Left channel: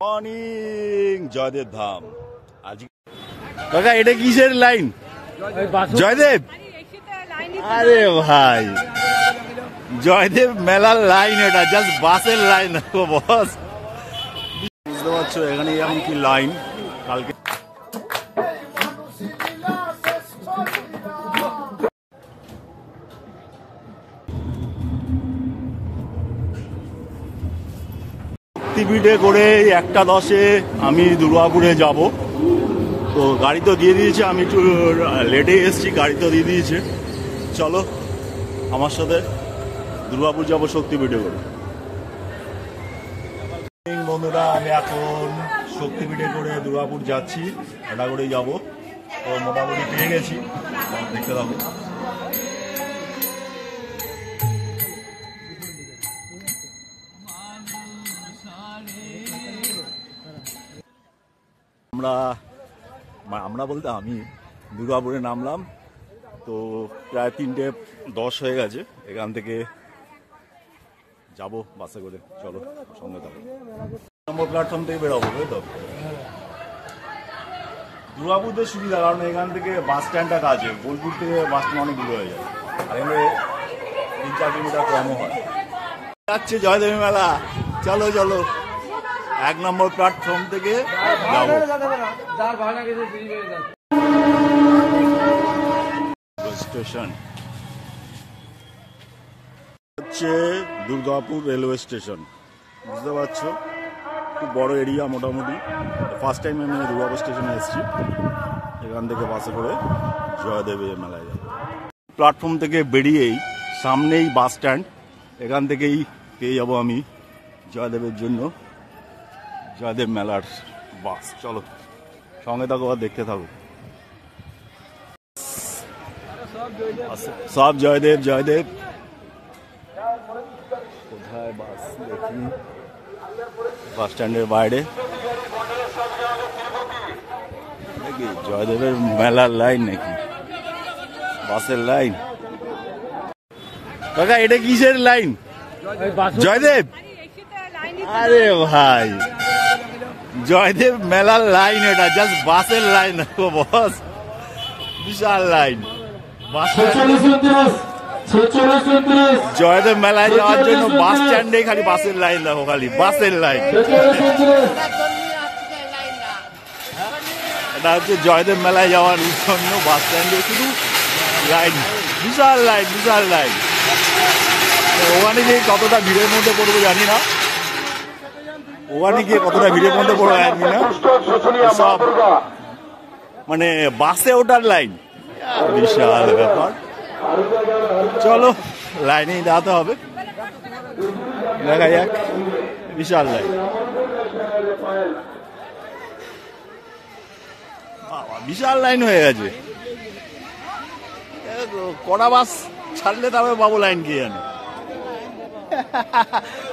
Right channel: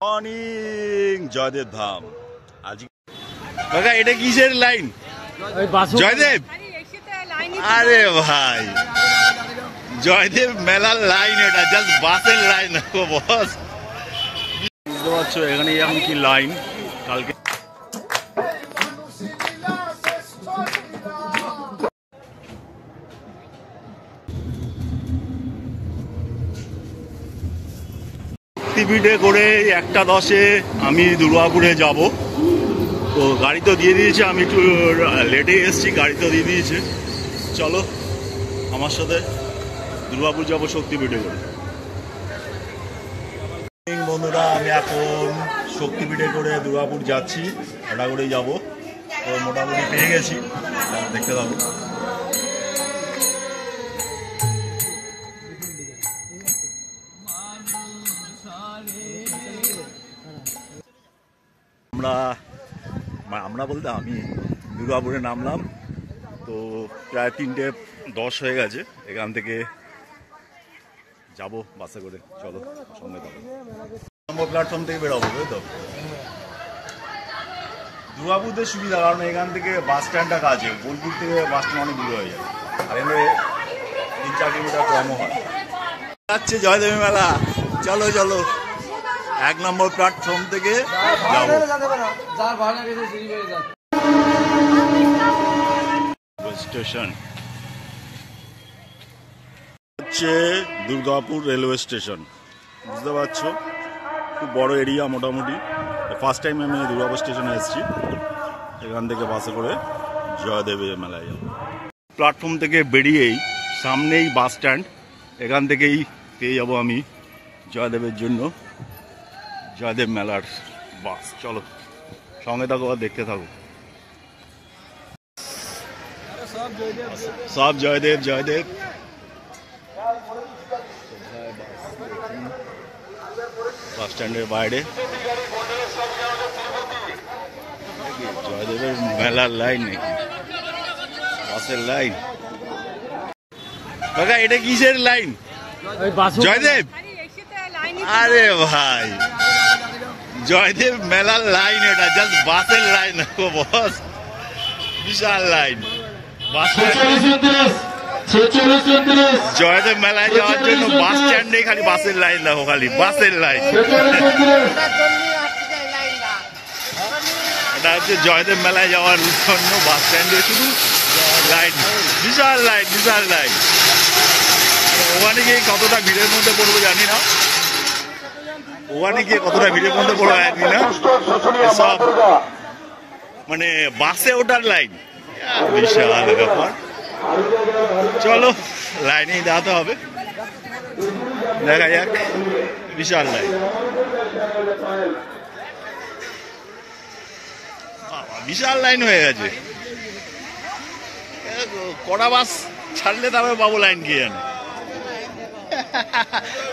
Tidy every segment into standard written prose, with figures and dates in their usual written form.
Morning Joydeb ধাম। আজকে কাকা এটা কিসের লাইন? জয়দেব? আরে ভাই জয়দেব মেলার লাইন, ওটা জাস্ট বাসের লাইন বস। বুঝতে পারছো এখানে এখন কি লাইন। কালকে টিভিতে করে 1:10 আমি দুর্গাপুরে যাব। তো গাড়ি তো দিয়ে দিয়েছে, আমি একটু লেটে এসেছি, গাড়ি তো দিয়ে দিয়েছে। চলো আমার সাথে দুর্গাপুর যাবো শক্তিপীঠে করে। বন্ধুরা আমি এখন শক্তিপীঠে করে দুর্গাপুর যাচ্ছি, এটা করেই যাবো। তো মোটামুটি পেয়ে গেছি, দেখতে পাবো। আমরা বলতে আমি দুর্গাপুরে নামলাম, তো প্রায় 3:10 হয়ে গেছে। এখান থেকে যাব বাসে করে। চলো সঙ্গে যাবো। নম্বর প্ল্যাটফর্ম থেকে বেরোবো, তাই তো? দুর্গাপুরতে সুবিধা, কারণ এখান থেকে বাস স্ট্যান্ডটা কাছে, বোলপুর থেকে বাস স্ট্যান্ড অনেক দূরে হয়ে যায়, আর এখানে 3-4 কিলোমিটার কমও হয়। যাচ্ছে জয়দেবী মেলা, চলো চলো। 1 নম্বর প্ল্যাটফর্ম থেকে যাবো। স্টেশন হচ্ছে দুর্গাপুর রেলওয়ে স্টেশন, বুঝতে পারছো? খুব বড় এরিয়া মোটামুটি। ফার্স্ট টাইম আমি দুর্গাপুর স্টেশনে এসেছি। এখান থেকে বাসে করে জয়দেবের মেলায় যাব। প্ল্যাটফর্ম থেকে বেরিয়েই সামনেই বাস স্ট্যান্ড, এখান থেকেই পেয়ে যাবো আমি জয়দেবের জন্য জয়দেব মেলার বাস। চলো সঙ্গে থাকো আর দেখতে থাকো। সব জয়দেব জয়দেব। কোথায় বাস দেখি? বাস স্ট্যান্ডের বাইরে জয়দেবের মেলার লাইন নাকি বাসের লাইন? কাকা এটা কিসের লাইন? জয়দেব? আরে ভাই জয়দেব মেলার লাইন, ওটা জাস্ট বাসের লাইন বস। বিশাল লাইন। জয়দেব মেলায় যাওয়ার জন্য বাস স্ট্যান্ডে খালি বাসের লাইন দেখো, খালি বাসের লাইন। এটা হচ্ছে জয়দেব মেলায় যাওয়ার জন্য বাস স্ট্যান্ডে শুধু লাইন, বিশাল লাইন বিশাল লাইন। ওখানে গিয়ে কতটা ভিড়ের মধ্যে পড়বো জানি না, ওখানে গিয়ে কতটা ভিড়ের মধ্যে পড়বো জানি না। সব মানে বাসে ওঠার লাইন, বিশাল ব্যাপার। চলো লাইনেই দাঁড়াতে হবে, দেখা যাক। বিশাল লাইন, বিশাল লাইন হয়ে গেছে। কটা বাস ছাড়লে তবে পাবো লাইন, কি জানি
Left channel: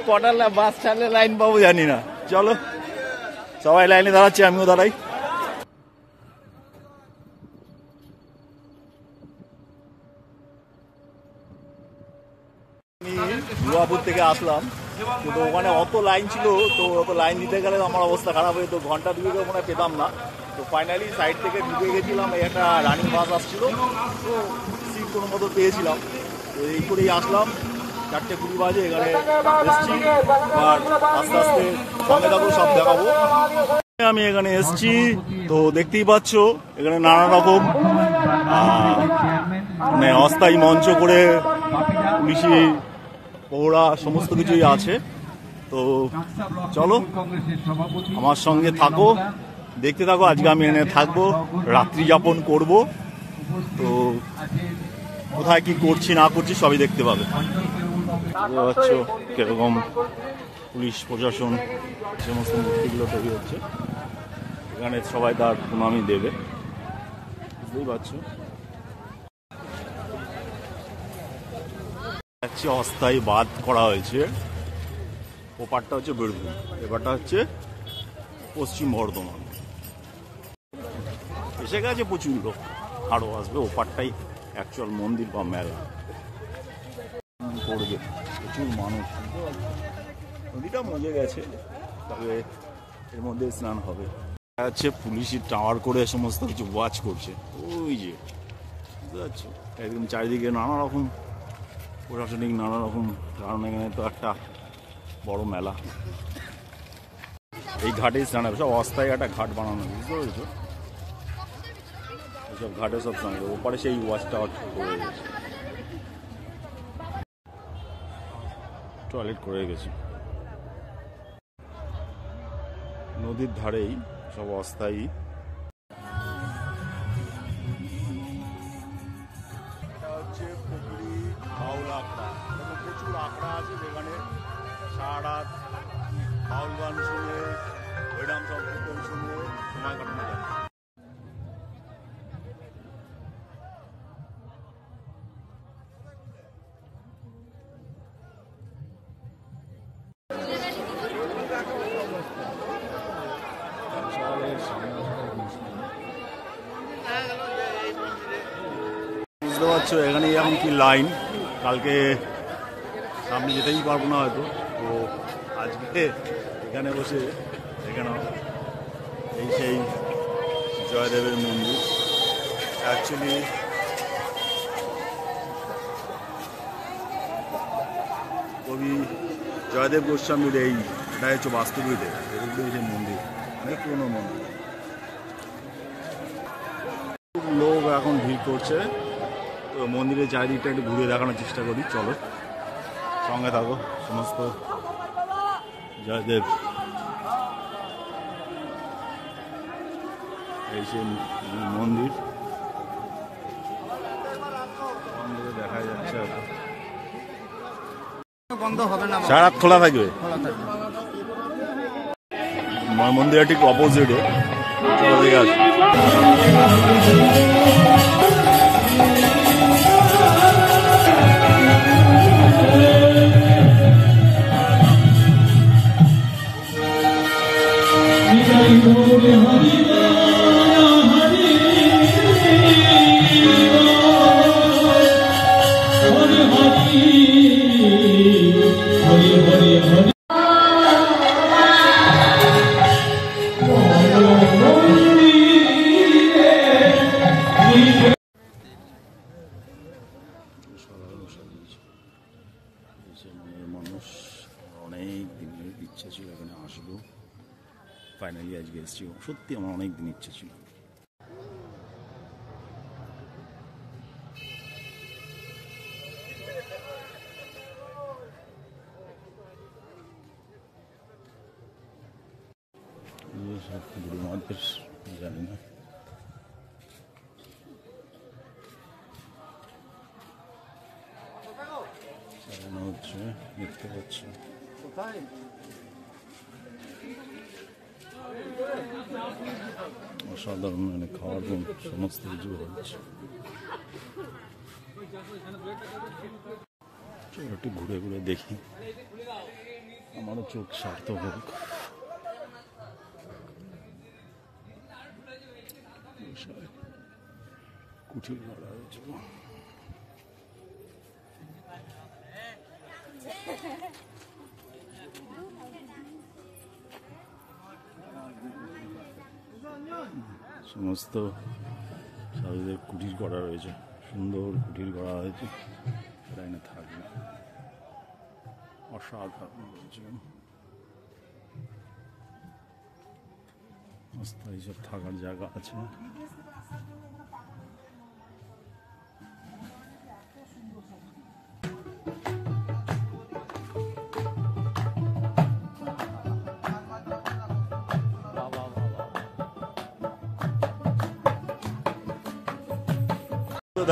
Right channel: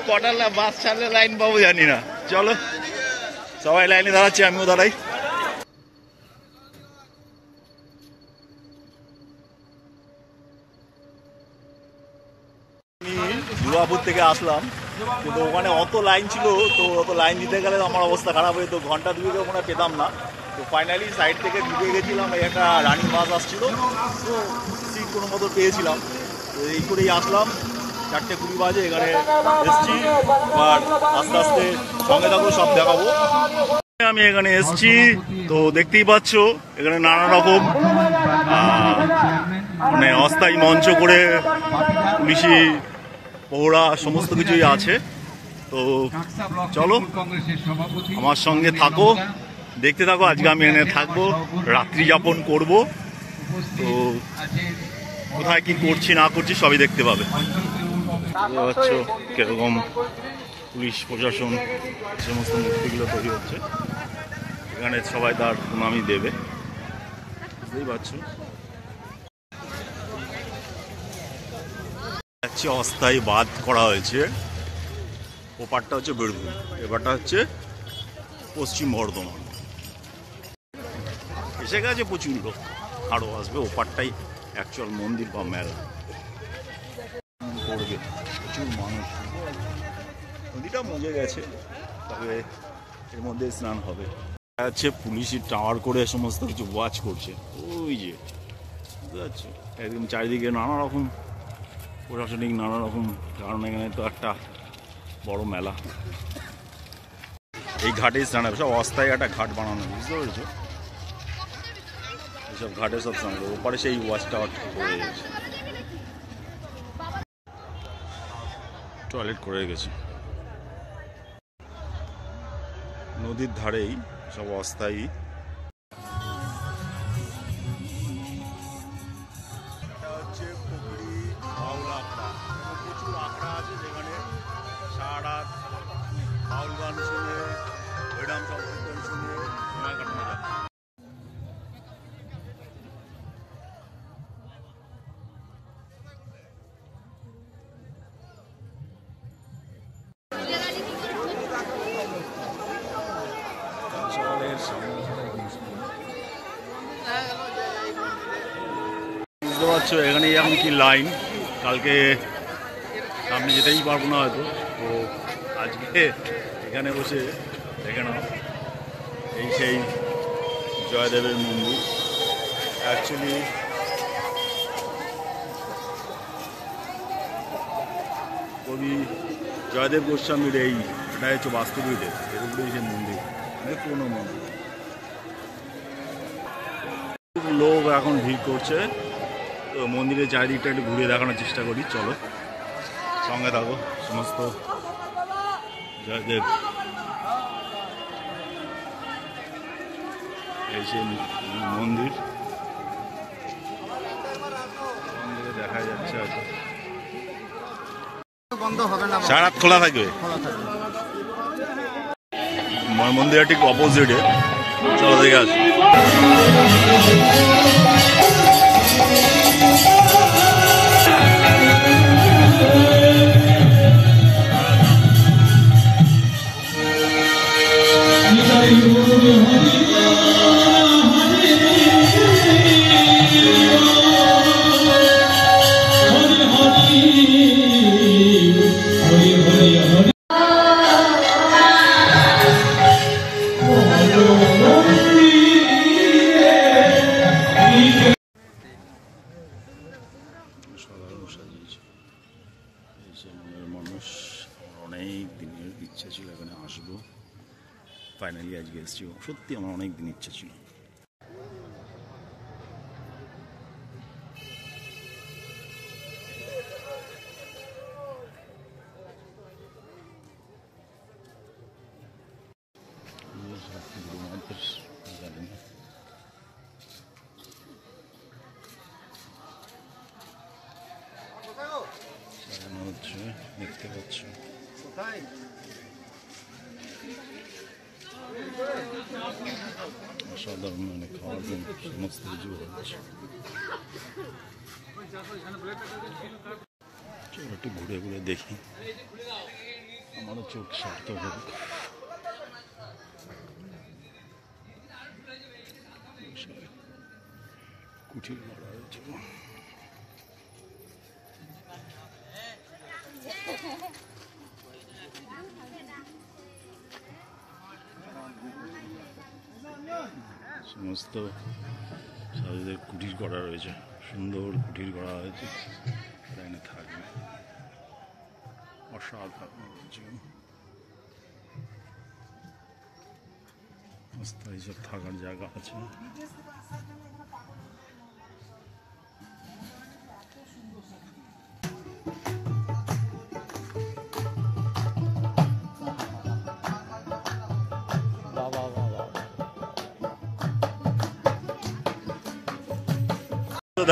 কটা বাস ছাড়লে লাইন পাবো জানি না। চলো সবাই লাইনে দাঁড়াচ্ছে, আমিও দাঁড়াই। আমি দুর্গাপুর থেকে আসলাম, কিন্তু ওখানে অত লাইন ছিল, তো অত লাইন দিতে গেলে আমার অবস্থা খারাপ হয়ে, তো ঘন্টা 2 মনে হয় পেতাম না। তো ফাইনালি সাইড থেকে ঢুকে গেছিলাম, এই একটা রানিং বাস আসছিল, তো সিট কোনো মতো পেয়েছিলাম। তো এই করেই আসলাম, 4:20 বাজে এখানে এসছি। এবার আস্তে আস্তে সঙ্গে থাকো, সব দেখাবো। আমি এখানে এসছি, তো দেখতেই পাচ্ছ এখানে নানা রকম মানে অস্থায়ী মঞ্চ করে পুলিশি পহরা সমস্ত কিছুই আছে। তো চলো আমার সঙ্গে থাকো, দেখতে থাকো। আজকে আমি এখানে থাকবো, রাত্রি যাপন করব। তো কোথায় কি করছি না করছি সবই দেখতে পাবে। বুঝতে পারছো কিরকম পুলিশ প্রশাসন সমস্ত মূর্তিগুলো তৈরি হচ্ছে। এখানে সবাই তার প্রণামী দেবে, বুঝতেই পারছো। অস্থায়ী বাঁধ করা হয়েছে, ওপারটা হচ্ছে বীরভূম, এবারটা হচ্ছে পশ্চিম বর্ধমান। এসে গেছে প্রচুর লোক, আরও আসবে। ওপারটাই অ্যাকচুয়াল মন্দির বা মেলা করবে, প্রচুর মানুষ। নদীটা মজে গেছে, তবে এর মধ্যে স্নান হবে। হচ্ছে পুলিশি টাওয়ার করে সমস্ত কিছু ওয়াচ করছে, ওই যে বুঝতে পারছো, একদম চারিদিকে নানা রকম প্রশাসনিক নানা রকম, কারণ এখানে তো একটা বড় মেলা। এই ঘাটে স্নান হবে, সব অস্থায়ী একটা ঘাট বানানো, বুঝতে পেরেছো? এইসব ঘাটে সব স্নান হবে। ওপারে সেই ওয়াচ টাওয়ার করে গেছে, টয়লেট করে গেছে। নদীর ধারেই সব অস্থায়ী। এটা হচ্ছে পুকুরি বাউল আখড়া, এবং প্রচুর আখড়া আছে যেখানে সারা রাত বাউল গান শুনে, হরিনাম সংকীর্তন শুনে সময় কাটানো যায়। বুঝতে পারছো এখানে এখন কি লাইন, কালকে সামনে যেতেই পারবো না হয়তো, তো আজকে এখানে বসে দেখে নাও। এই সেই জয়দেবের মন্দির। অ্যাকচুয়ালি কবি জয়দেব গোস্বামীর এটা হচ্ছে বাস্তুবিদে, এর উপরেই সেই মন্দির, অনেক পুরোনো মন্দির। লোক এখন ভিড় করছে, তো মন্দিরের চারিদিকটা একটু ঘুরে দেখানোর চেষ্টা করি, চলো সঙ্গে থাকো। সমস্ত জয়দেব, এই সেই মন্দির দেখা যাচ্ছে, হয়তো বন্ধ হবে না, সারা রাত খোলা থাকবে। মন্দিরের ঠিক অপোজিটে, চলো দেখে আসি। সাধারণ সাজিয়েছে এই যে মনের মানুষ। আমার অনেক দিনের ইচ্ছা ছিল এখানে আসবো, ফাইনালি আজকে এসেছি। সত্যি আমার অনেক দিন ইচ্ছা ছিল। জানি না হচ্ছে, দেখতে পাচ্ছ অসাধারণ, মানে খাওয়ার জন্য সমস্ত কিছু হচ্ছে। চলো একটু ঘুরে ঘুরে দেখি, আমারও চোখ সার্থক হোক। কুঠির গড়া হয়েছে, সমস্ত সাধুদের কুটির করা রয়েছে, সুন্দর কুটির করা হয়েছে, এখানে থাকবে। অসাধারণ রয়েছে, অস্থায়ী সব থাকার জায়গা আছে।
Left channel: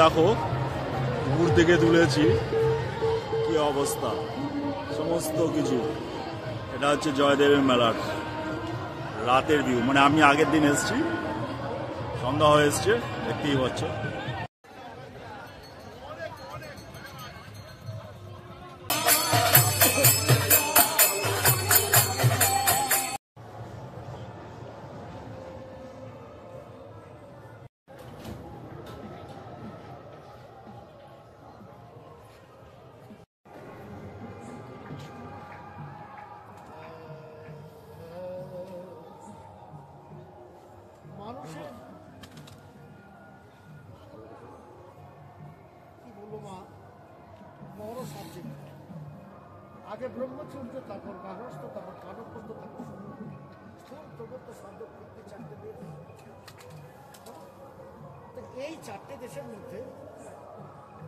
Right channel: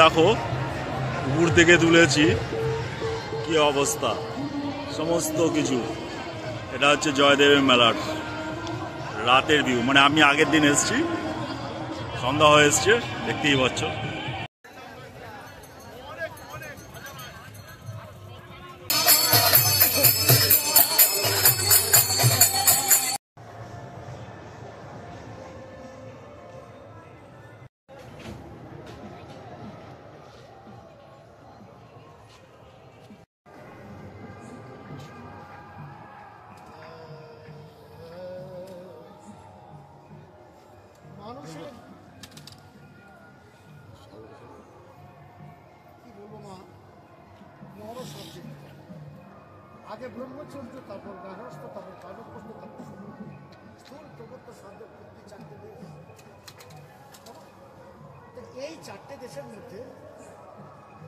দেখো উপর থেকে তুলেছি, কি অবস্থা সমস্ত কিছু। এটা হচ্ছে জয়দেবের মেলার রাতের ভিউ, মানে আমি আগের দিন এসেছি, সন্ধ্যা হয়ে এসছে, দেখতেই পাচ্ছ। মানুষের কি বলবো মা, বড় সাবজেক্ট। আগে ব্রহ্মচর্য, তারপর গার্হস্থ্য, তারপর কানপ্রস্থ, তারপর স্থূল প্রবত্ত সাধ্য প্রকৃতি, চারটে দেশ। তো এই চারটে দেশের মধ্যে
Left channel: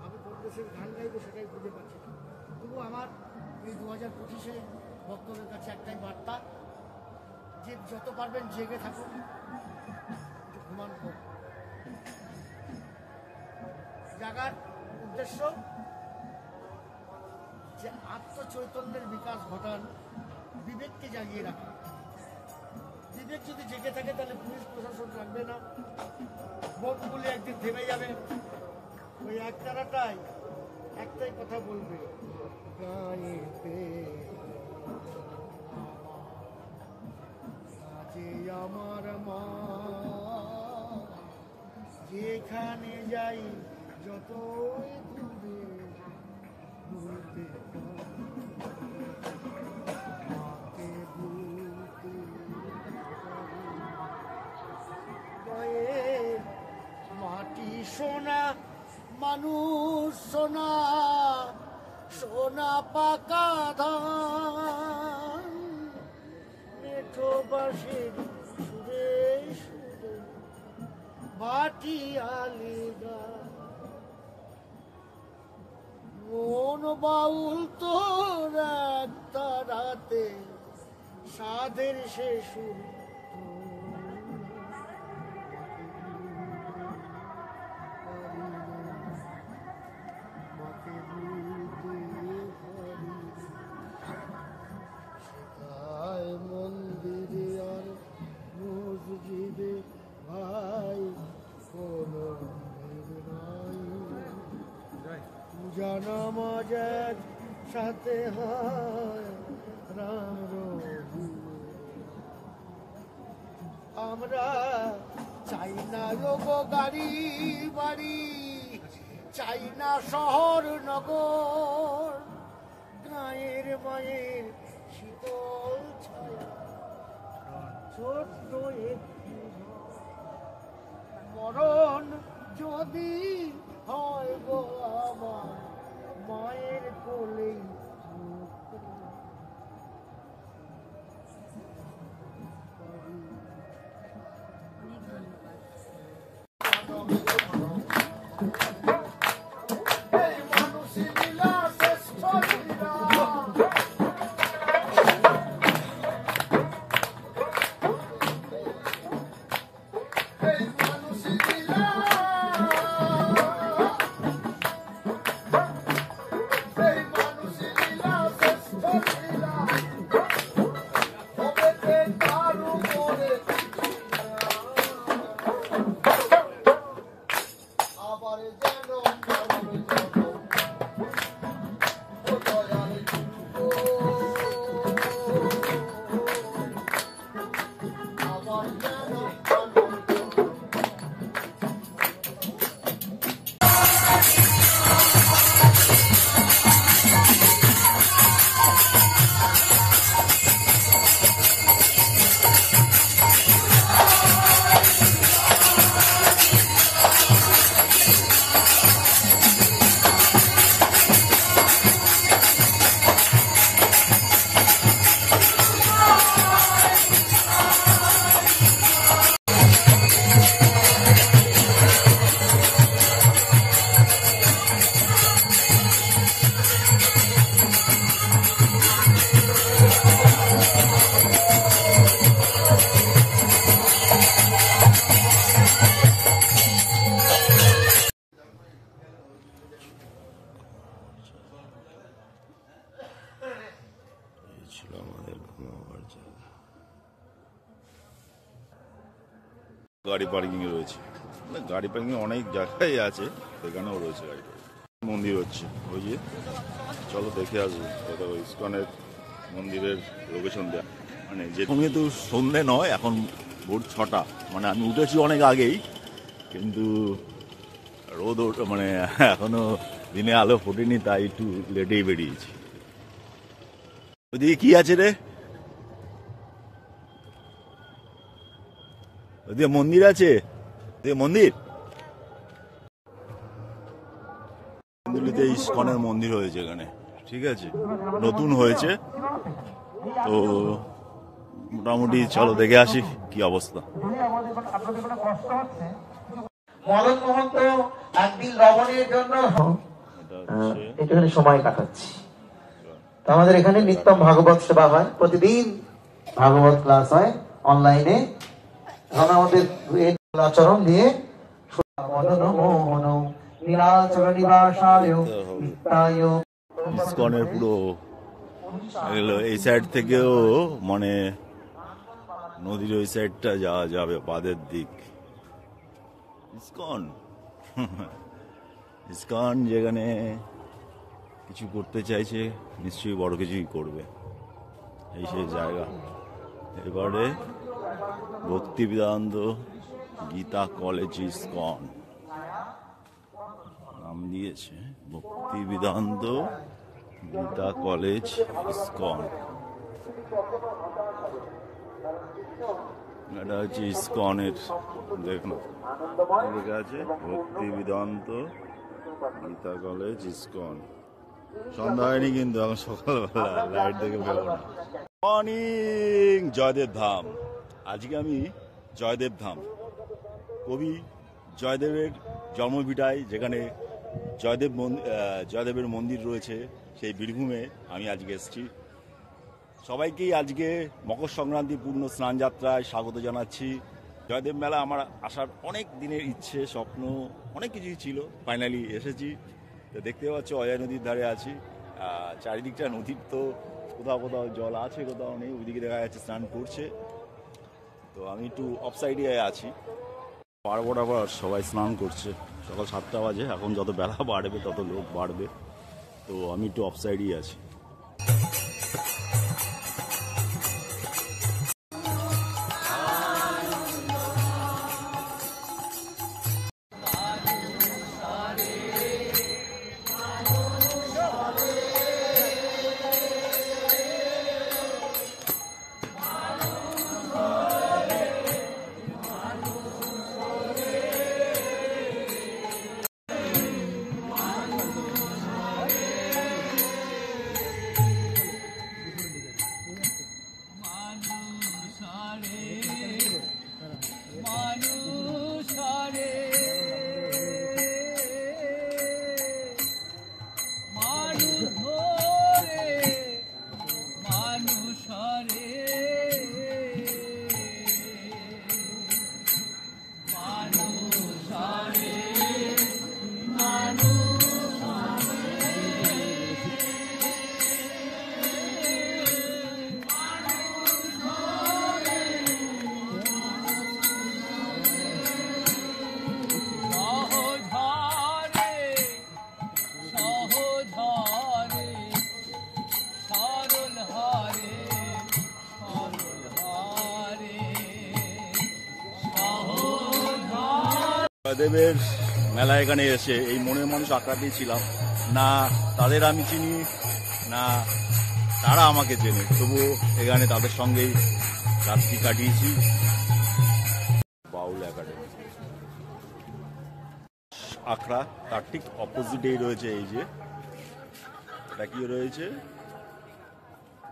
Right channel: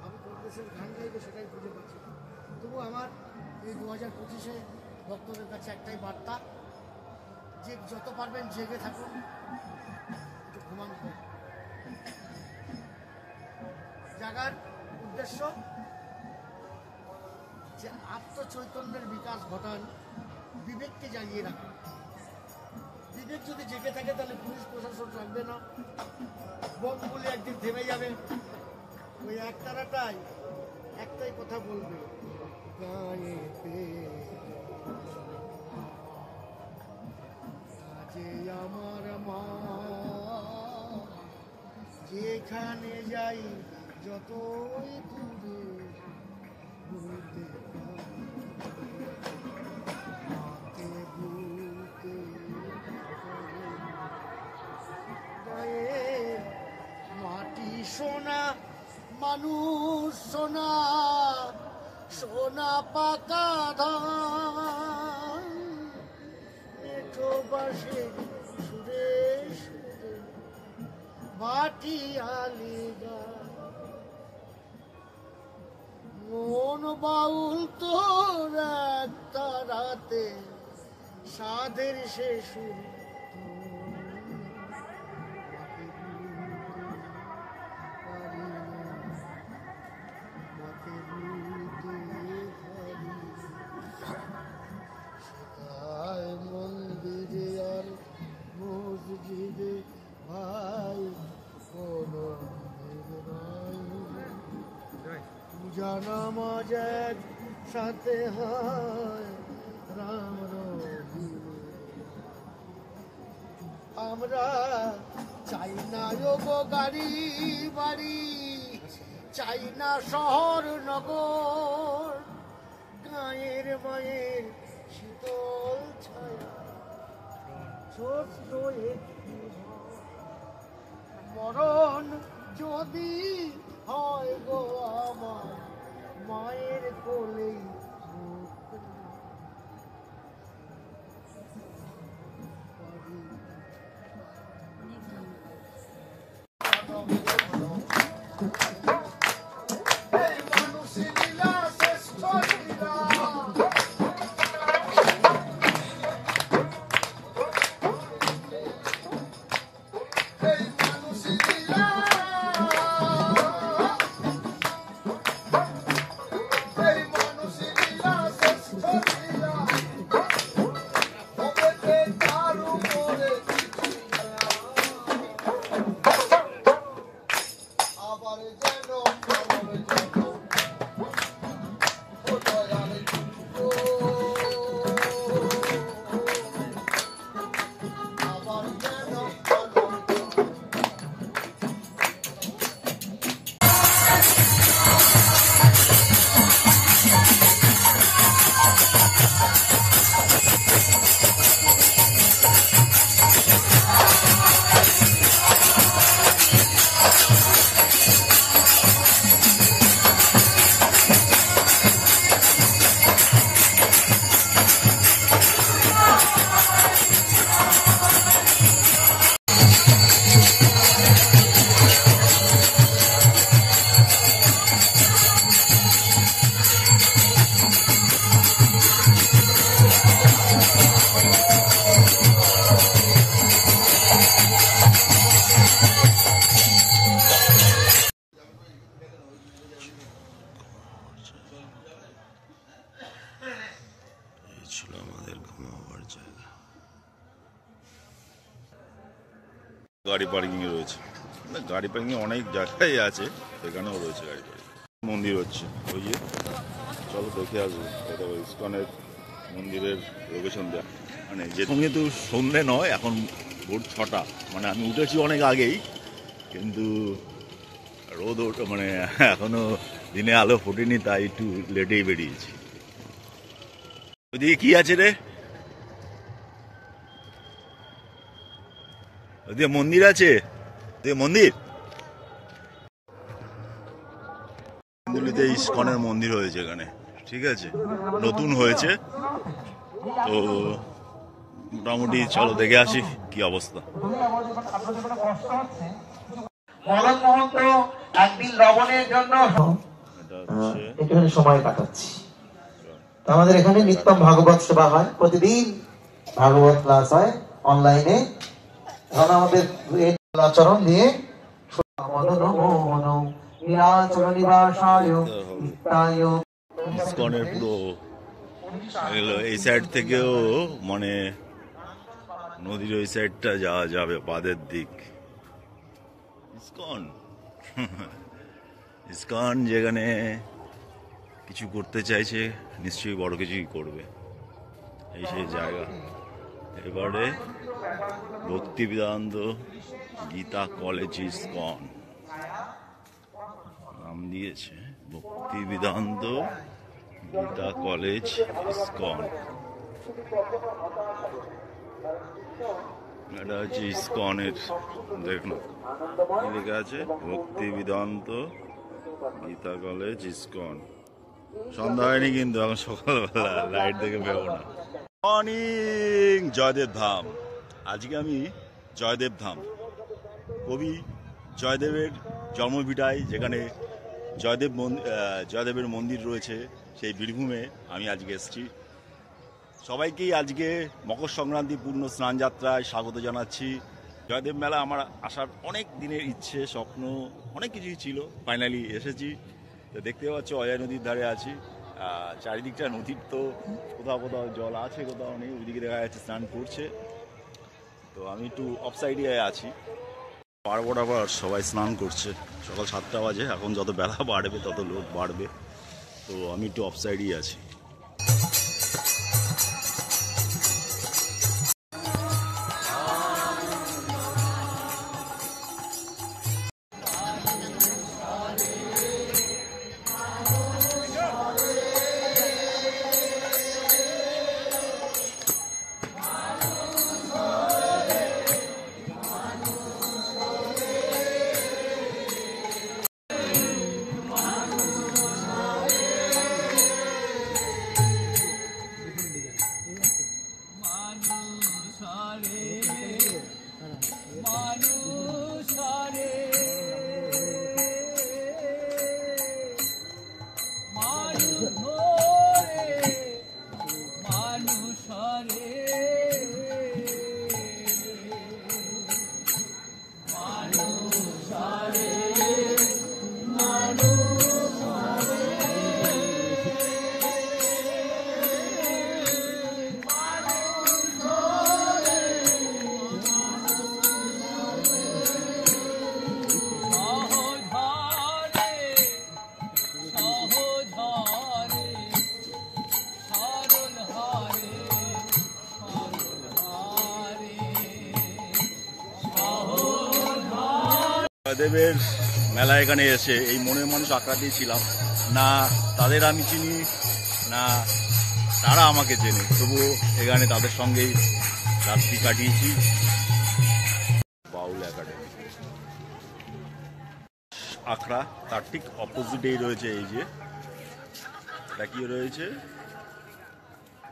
আমি কোন দেশের গান গাইবো সেটাই খুঁজে পাচ্ছি না। তবু আমার এই 2025-এ ভক্তদের কাছে একটাই বার্তা, যে যত পারবেন জেগে থাকুন, একটু ঘুমান কম। জাগার উদ্দেশ্য যে আত্মচৈতন্যের বিকাশ ঘটান, বিবেককে জাগিয়ে রাখুন। বিবেক যদি জেগে থাকে তাহলে পুলিশ প্রশাসন রাখবে না, বোমগুলি একদিন থেমে যাবে। ওই একটারাটাই একটাই কথা বলবে, গায়েতে কাজে আমার মা, যেখানে যাই যতই দূরে ভুলতে মাকে ভুলতে গায়ে মাটি সোনা, মানুষ সোনা, সোনা পাকা ধান, মেঠো বাঁশের সুরে সুরে ভাটি আলিগা। মন বাউল তোর একটা রাতে, সাধের সে সুর মাকে ভুলতে পারি। শেখায় মন্দিরে আর মসজিদে ভাই কোনো ভেদ নাই, পূজা নামাজ এক সাথে হয় রাম রবি। আমরা চাই না গো গাড়ি বাড়ি, চাই না শহর নগর, গায়ের মায়ের শীতল ছায়া, ছোট্ট একটি ঘর। মরণ যদি হয় গো আমার, মায়ের কোলেই অনেক ধন্যবাদ। গাড়ি পার্কিং এ রয়েছে, মানে গাড়ি পার্কিং অনেক জায়গায় আছে, সেখানেও রয়েছে গাড়ি পার্কিং। মন্দির হচ্ছে ওই যে, চলো দেখে আসবো। এটা ওই ইস্কনের মন্দিরের লোকেশন দেয়া, মানে যেরকম কিন্তু সন্ধ্যে নয়, এখন ভোর 6টা, মানে আমি উঠেছি অনেক আগেই, কিন্তু রোদ মানে এখনো দিনে আলো ফোটেনি, তাই একটু লেটেই বেরিয়েছি। ওইদিকে কি আছে রে? ওদিকে মন্দির আছে, ওদিকে মন্দির, দিল্লিতে ইসকনের মন্দির হয়েছে এখানে, ঠিক আছে, নতুন হয়েছে। তো মোটামুটি চলো দেখে আসি কি অবস্থা। মদন মোহন তো একদিন লবণের জন্য একটুখানি সময় কাটাচ্ছি। আমাদের এখানে নিত্যম ভাগবত সেবা হয়, প্রতিদিন ভাগবত ক্লাস হয় অনলাইনে। এখানে আমাদের আচরণ নিয়ে মদন মোহন নীলাচল নিবাসায় নিত্যায় ইসকনের পুরো এই সাইড থেকেও মানে নদীর ওই সাইডটা যাওয়া যাবে, বাদের দিক। ইসকন ইসকন যেখানে কিছু করতে চাইছে নিশ্চয়ই বড় কিছুই করবে, এই সেই জায়গা। এবারে ভক্তি বেদান্ত গীতা কলেজ ইসকন নাম দিয়েছে, ভক্তি বেদান্ত গীতা কলেজ ইসকন। এটা হচ্ছে ইসকনের, দেখুন লেখা আছে ভক্তি বেদান্ত গীতা কলেজ ইসকন। সন্ধ্যা হয়নি কিন্তু, এখন সকালবেলা, লাইট দেখে বেরো না। মর্নিং জয়দেব ধাম। আজকে আমি জয়দেব ধাম, কবি জয়দেবের জন্মভিটায়, যেখানে জয়দেবের মন্দির রয়েছে, সেই বীরভূমে আমি আজকে এসেছি। সবাইকেই আজকে মকর সংক্রান্তি পূর্ণ স্নান যাত্রায় স্বাগত জানাচ্ছি। জয়দেব মেলা আমার আসার অনেক দিনের ইচ্ছে, স্বপ্ন, অনেক কিছুই ছিল, ফাইনালি এসেছি। তো দেখতে পাচ্ছ অজয় নদীর ধারে আছি, চারিদিকটা নদীর, তো কোথাও কোথাও জল আছে, কোথাও নেই, ওইদিকে দেখা যাচ্ছে স্নান করছে। তো আমি একটু অফ সাইডে আছি, পার বরাবর সবাই স্নান করছে, সকাল 7টা বাজে। এখন যত বেলা বাড়বে তত লোক বাড়বে, তো আমি একটু অফ সাইডেই আছি। জয়দেবের মেলা এখানে এসে এই মনের মানুষ আঁকড়াতেই ছিলাম না, তাদের আমি চিনি না তারা আমাকে চেনে, তবুও এখানে তাদের সঙ্গেই রাত্রি কাটিয়েছি। বাউল একাডেমি আখড়া, তার ঠিক অপোজিটেই রয়েছে এই যে, এটা কি রয়েছে,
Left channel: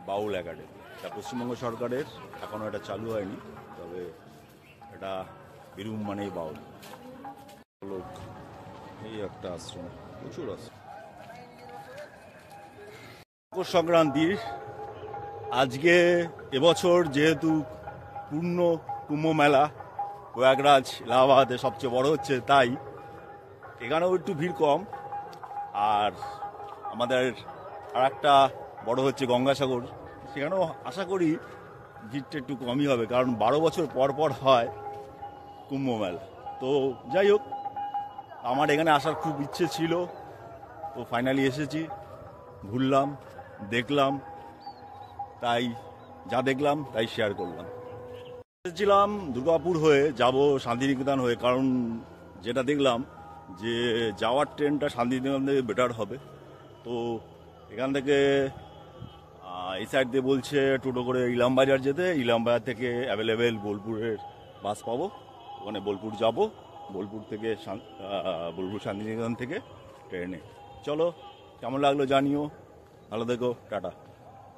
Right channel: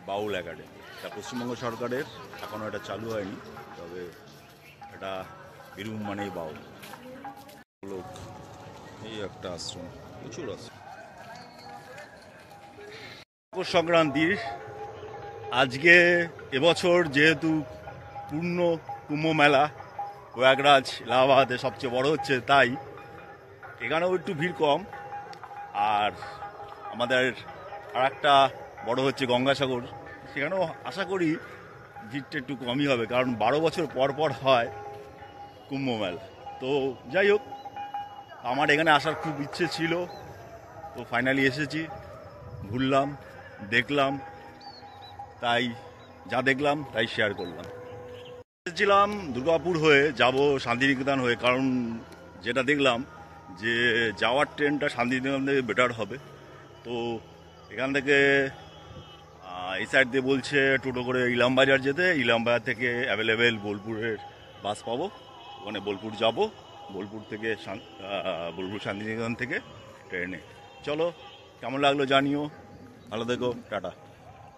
বাউল একাডেমি। এটা পশ্চিমবঙ্গ সরকারের, এখনো এটা চালু হয়নি, তবে এটা বীরভূম মানেই বাউল। লোক এই একটা আশ্রম, প্রচুর আছে। মকর সংক্রান্তির আজকে, এবছর যেহেতু পূর্ণ কুম্ভ মেলা প্রয়াগরাজ এলাহাবাদে সবচেয়ে বড় হচ্ছে, তাই এখানেও একটু ভিড় কম। আর আমাদের আর একটা বড় হচ্ছে গঙ্গাসাগর, সেখানেও আশা করি ভিড়টা একটু কমই হবে, কারণ 12 বছর পর পর হয় কুম্ভ মেলা। তো যাই হোক, আমার এখানে আসার খুব ইচ্ছে ছিল, তো ফাইনালি এসেছি, ঘুরলাম, দেখলাম, তাই যা দেখলাম তাই শেয়ার করলাম। এসেছিলাম দুর্গাপুর হয়ে, যাব শান্তিনিকেতন হয়ে, কারণ যেটা দেখলাম যে যাওয়ার ট্রেনটা শান্তিনিকেতন থেকে বেটার হবে। তো এখান থেকে এই সাইড দিয়ে বলছে টোটো করে ইলামবাজার যেতে, ইলামবাজার থেকে অ্যাভেলেবেল বোলপুরের বাস পাবো, ওখানে বোলপুর যাব, বোলপুর থেকে বোলপুর শান্তিনিকেতন থেকে ট্রেনে। চলো, কেমন লাগলো জানিও, ভালো থেকো, টাটা।